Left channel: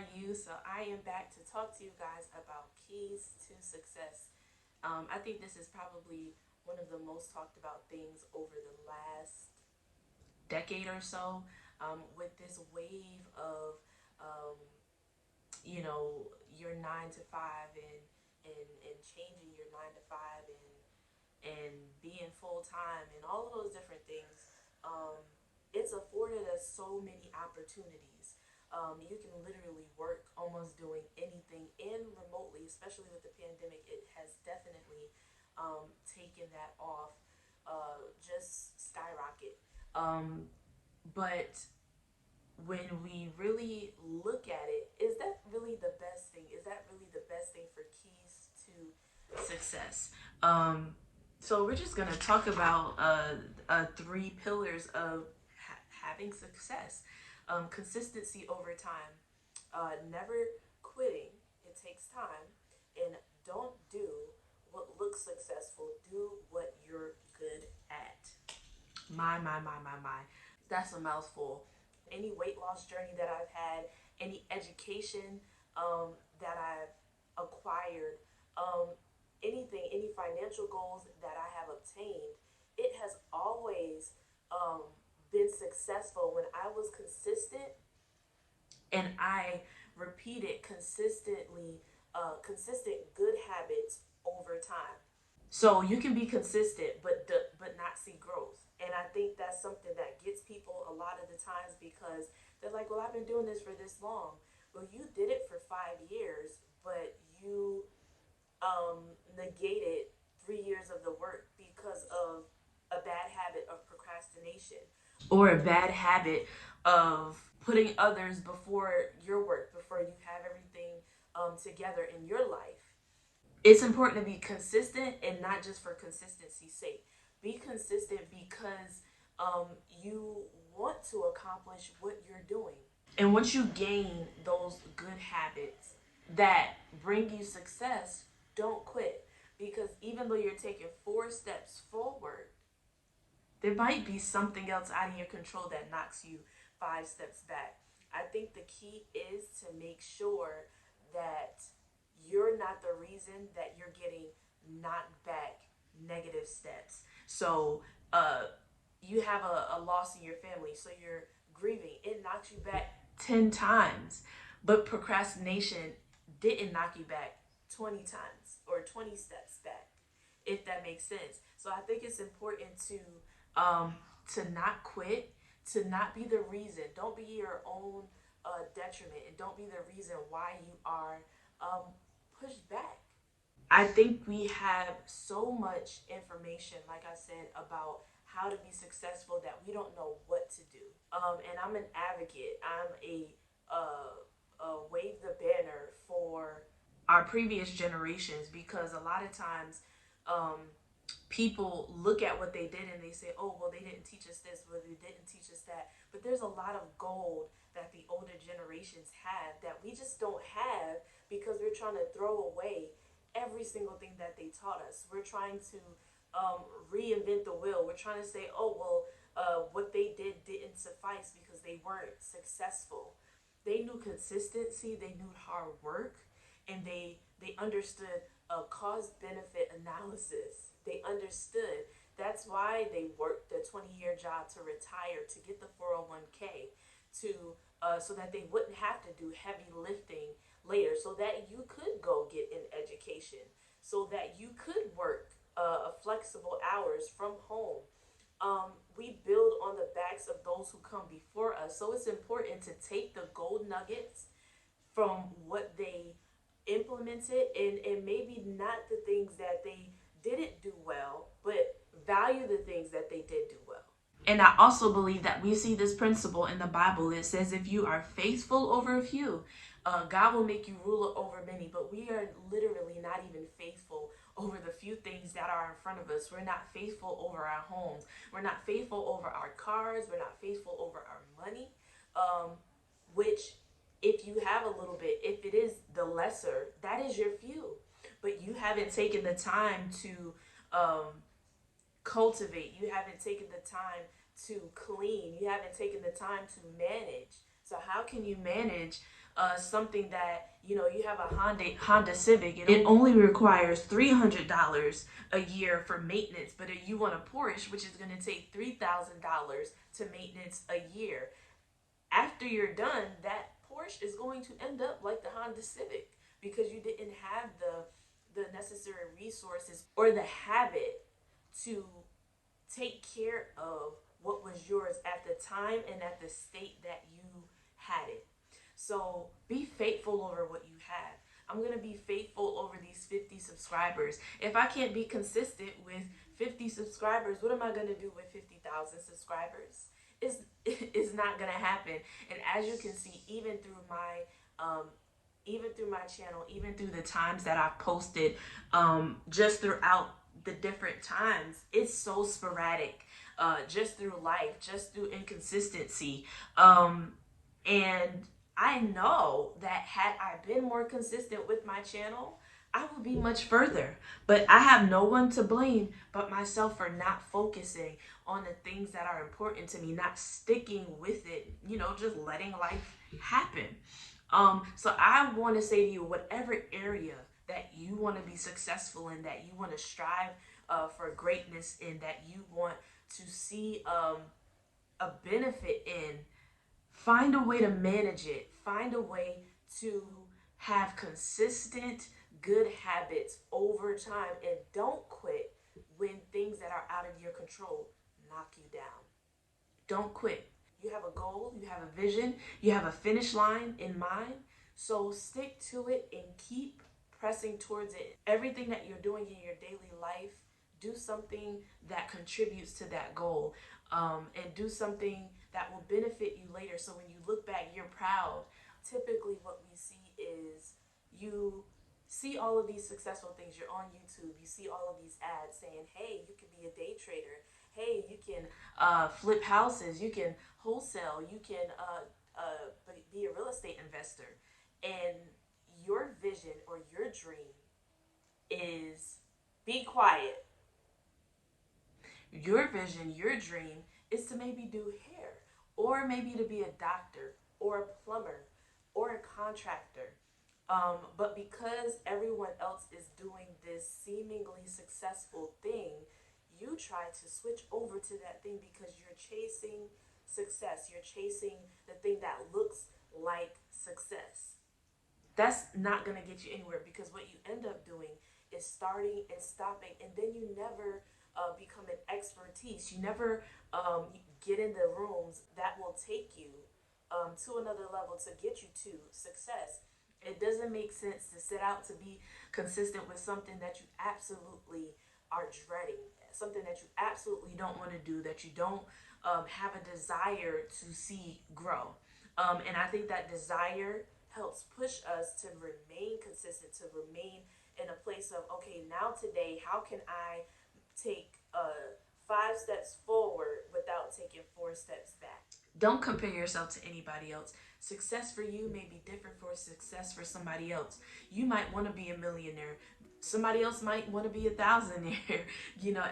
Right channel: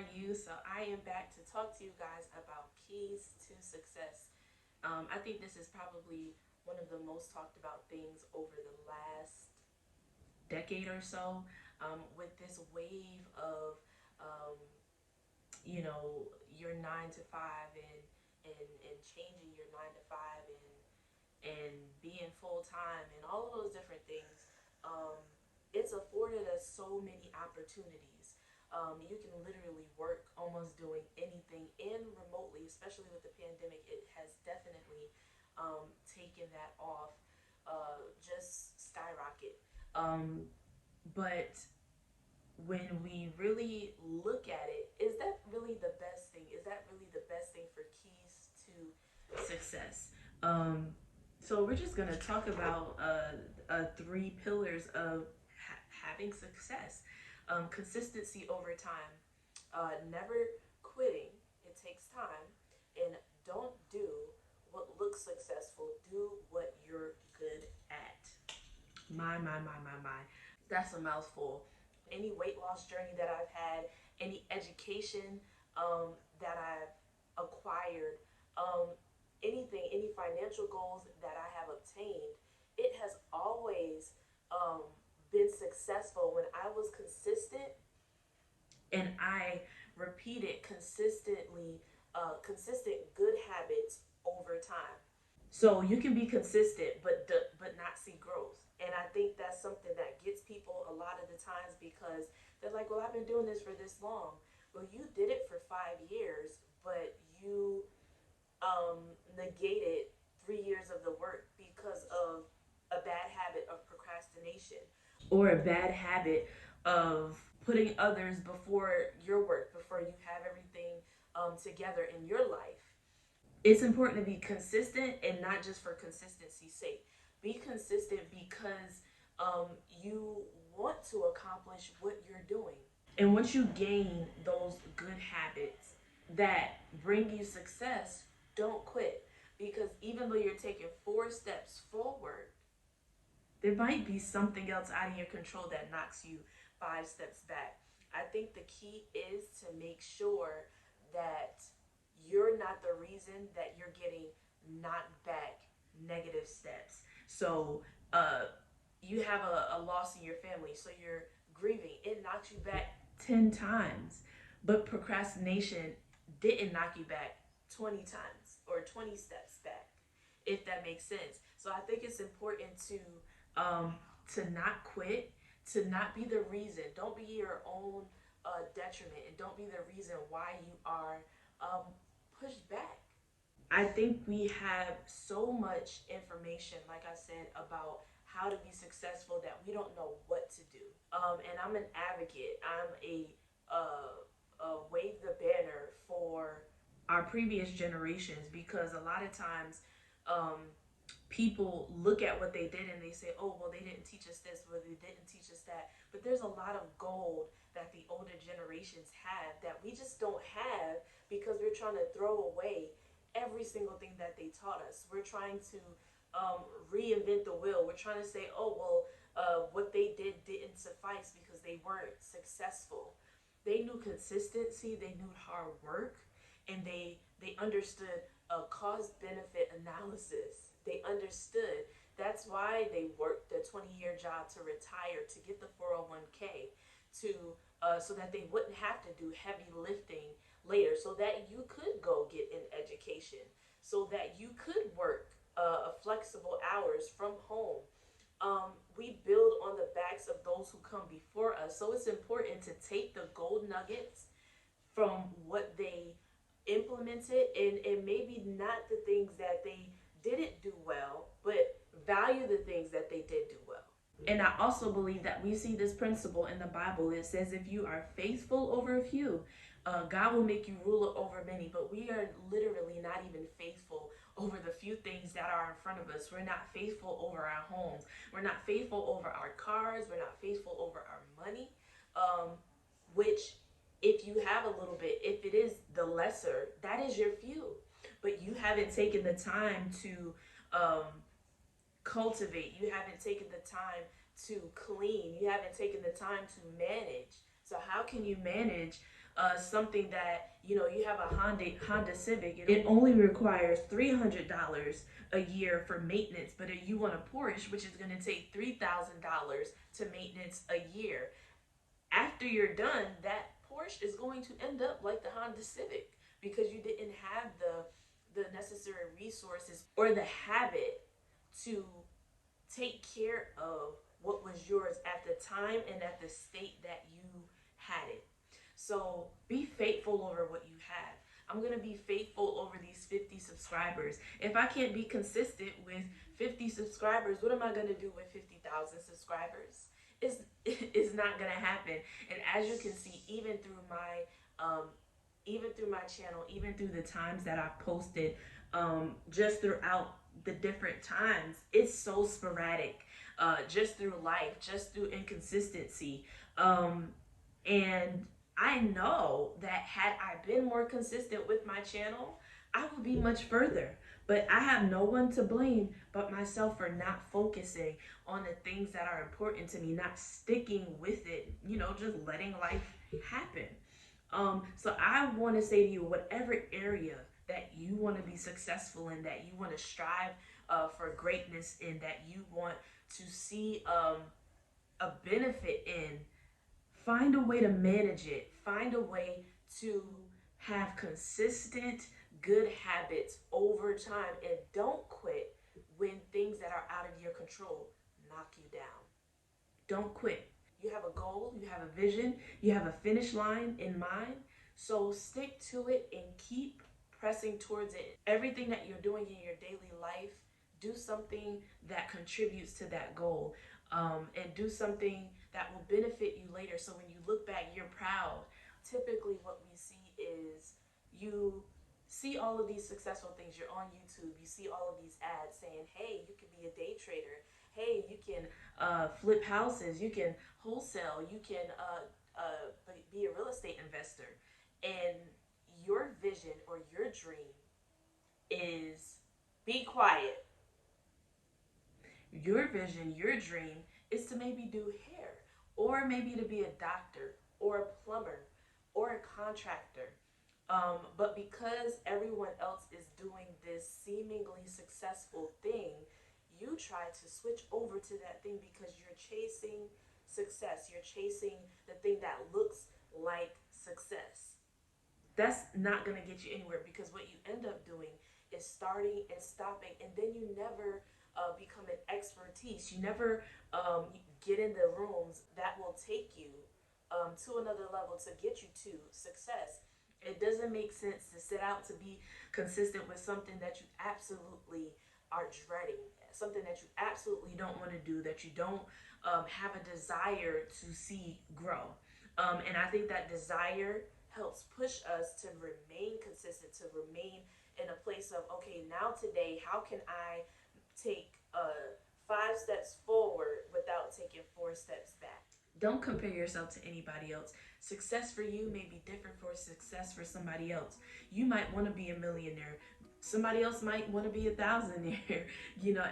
are you? So I am back to talk to you guys about keys to success. I think this is probably one of the most talked about things over the last decade or so, with this wave of, um, your 9 to 5 and changing your 9 to 5 and being full time and all of those different things. Um, it's afforded us so many opportunities. You can literally work almost doing anything and remotely, especially with the pandemic. It has definitely taken that off, just skyrocket. But when we really look at it, is that really the best thing? Is that really the best thing for keys to success? So we're just gonna talk about three pillars of having success: consistency over time, never quitting. It takes time, and don't do what looks successful. Do what you're good at. My. That's a mouthful. Any weight loss journey that I've had, any education that I've acquired, anything, any financial goals that I have obtained, it has always been successful when I was consistent and I repeated consistent good habits over time. So you can be consistent, but not see growth. And I think that's something that gets people a lot of the times because they're like, "Well, I've been doing this for this long." Well, you did it for 5 years, but you negated 3 years of the work because of a bad habit of procrastination or a bad habit of putting others before your work, before you have everything together in your life. It's important to be consistent and not just for consistency's sake. Be consistent because you want to accomplish what you're doing. And once you gain those good habits that bring you success, don't quit. Because even though you're taking 4 steps forward, there might be something else out of your control that knocks you 5 steps back. I think the key is to make sure that you're not the reason that you're getting knocked back negative steps. So, you have a loss in your family, so you're grieving. It knocks you back 10 times, but procrastination didn't knock you back 20 times or 20 steps back, if that makes sense. So I think it's important um, to not quit, to not be the reason. Don't be your own detriment, and don't be the reason why you are pushed back. I think we have so much information, like I said, about how to be successful that we don't know what to do. And I'm an advocate. I'm wave the banner for our previous generations because a lot of times um, people look at what they did and they say, "Oh, well, they didn't teach us this, well, they didn't teach us that." But there's a lot of gold that the older generations have that we just don't have because we're trying to throw away every single thing that they taught us. We're trying to reinvent the wheel. We're trying to say, "Oh, well, what they did didn't suffice because they weren't successful." They knew consistency, they knew hard work, and they understood cause benefit analysis. They understood. That's why they worked the 20-year job to retire, to get the 401k, to so that they wouldn't have to do heavy lifting later, so that you could go get an education, so that you could work flexible hours from home. We build on the backs of those who come before us. So it's important to take the gold nuggets from what they implemented and maybe not the things that they didn't do well, but value the things that they did do well. And I also believe that we see this principle in the Bible. It says, if you are faithful over a few, God will make you ruler over many. But we are literally not even faithful over the few things that are in front of us. We're not faithful over our homes. We're not faithful over our cars. We're not faithful over our money, which, if you have a little bit, if it is the lesser, that is your few. But you haven't taken the time to cultivate. You haven't taken the time to clean. You haven't taken the time to manage. So how can you manage something that, you have a Honda Civic, it only requires $300 a year for maintenance. But if you want a Porsche, which is going to take $3,000 to maintenance a year, after you're done, that Porsche is going to end up like the Honda Civic, because you didn't have the necessary resources or the habit to take care of what was yours at the time and at the state that you had it. So be faithful over what you have. I'm going to be faithful over these 50 subscribers. If I can't be consistent with 50 subscribers, what am I going to do with 50,000 subscribers? It's not going to happen. And as you can see, even through my channel, even through the times that I've posted, just throughout the different times, it's so sporadic, just through life, just through inconsistency. And I know that had I been more consistent with my channel, I would be much further. But I have no one to blame but myself for not focusing on the things that are important to me, not sticking with it, just letting life happen. So I want to say to you, whatever area that you want to be successful in, that you want to strive for greatness in, that you want to see a benefit in, find a way to manage it. Find a way to have consistent, good habits over time, and don't quit when things that are out of your control knock you down. Don't quit. You have a goal, you have a vision, you have a finish line in mind, so stick to it and keep pressing towards it. Everything that you're doing in your daily life, do something that contributes to that goal, and do something that will benefit you later. So when you look back, you're proud. Typically what we see is, you see all of these successful things. You're on YouTube, you see all of these ads saying, hey, you can be a day trader. Hey, you can flip houses, you can wholesale, you can be a real estate investor. And your vision or your dream is, be quiet. Your vision, your dream is to maybe do hair, or maybe to be a doctor or a plumber or a contractor. But because everyone else is doing this seemingly successful thing, you try to switch over to that thing because you're chasing success. You're chasing the thing that looks like success. That's not going to get you anywhere, because what you end up doing is starting and stopping, and then you never become an expertise. You never get in the rooms that will take you to another level to get you to success. It doesn't make sense to set out to be consistent with something that you absolutely are dreading, something that you absolutely don't want to do, that you don't have a desire to see grow. And I think that desire helps push us to remain consistent, to remain in a place of, okay, now today, how can I take 5 steps forward without taking 4 steps back? Don't compare yourself to anybody else. Success for you may be different for success for somebody else. You might want to be a millionaire. Somebody else might want to be a thousandaire.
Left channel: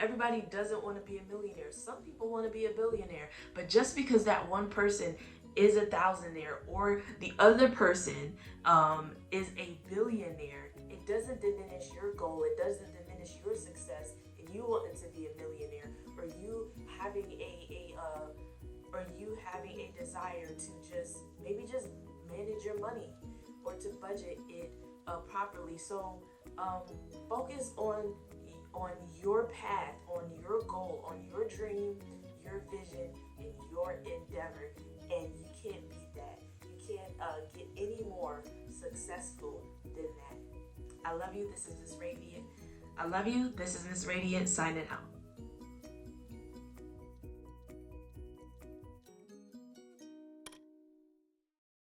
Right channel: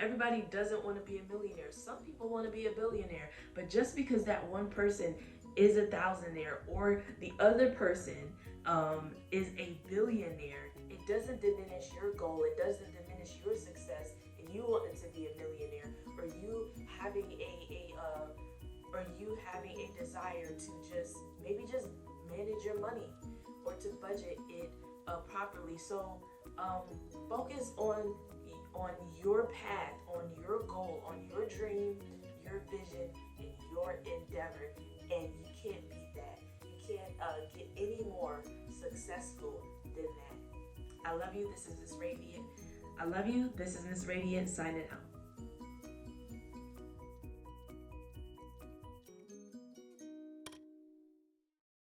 Everybody doesn't want to be a millionaire. Some people want to be a billionaire. But just because that one person is a thousandaire or the other person is a billionaire, it doesn't diminish your goal. It doesn't diminish your success. And you wanting to be a millionaire, or you having a desire to just manage your money or to budget it properly. So focus on your path, on your goal, on your dream, your vision, and your endeavor, and you can't beat that. You can't get any more successful than that. I love you. This is Ms. Radiant. I love you. This is Ms. Radiant signing out.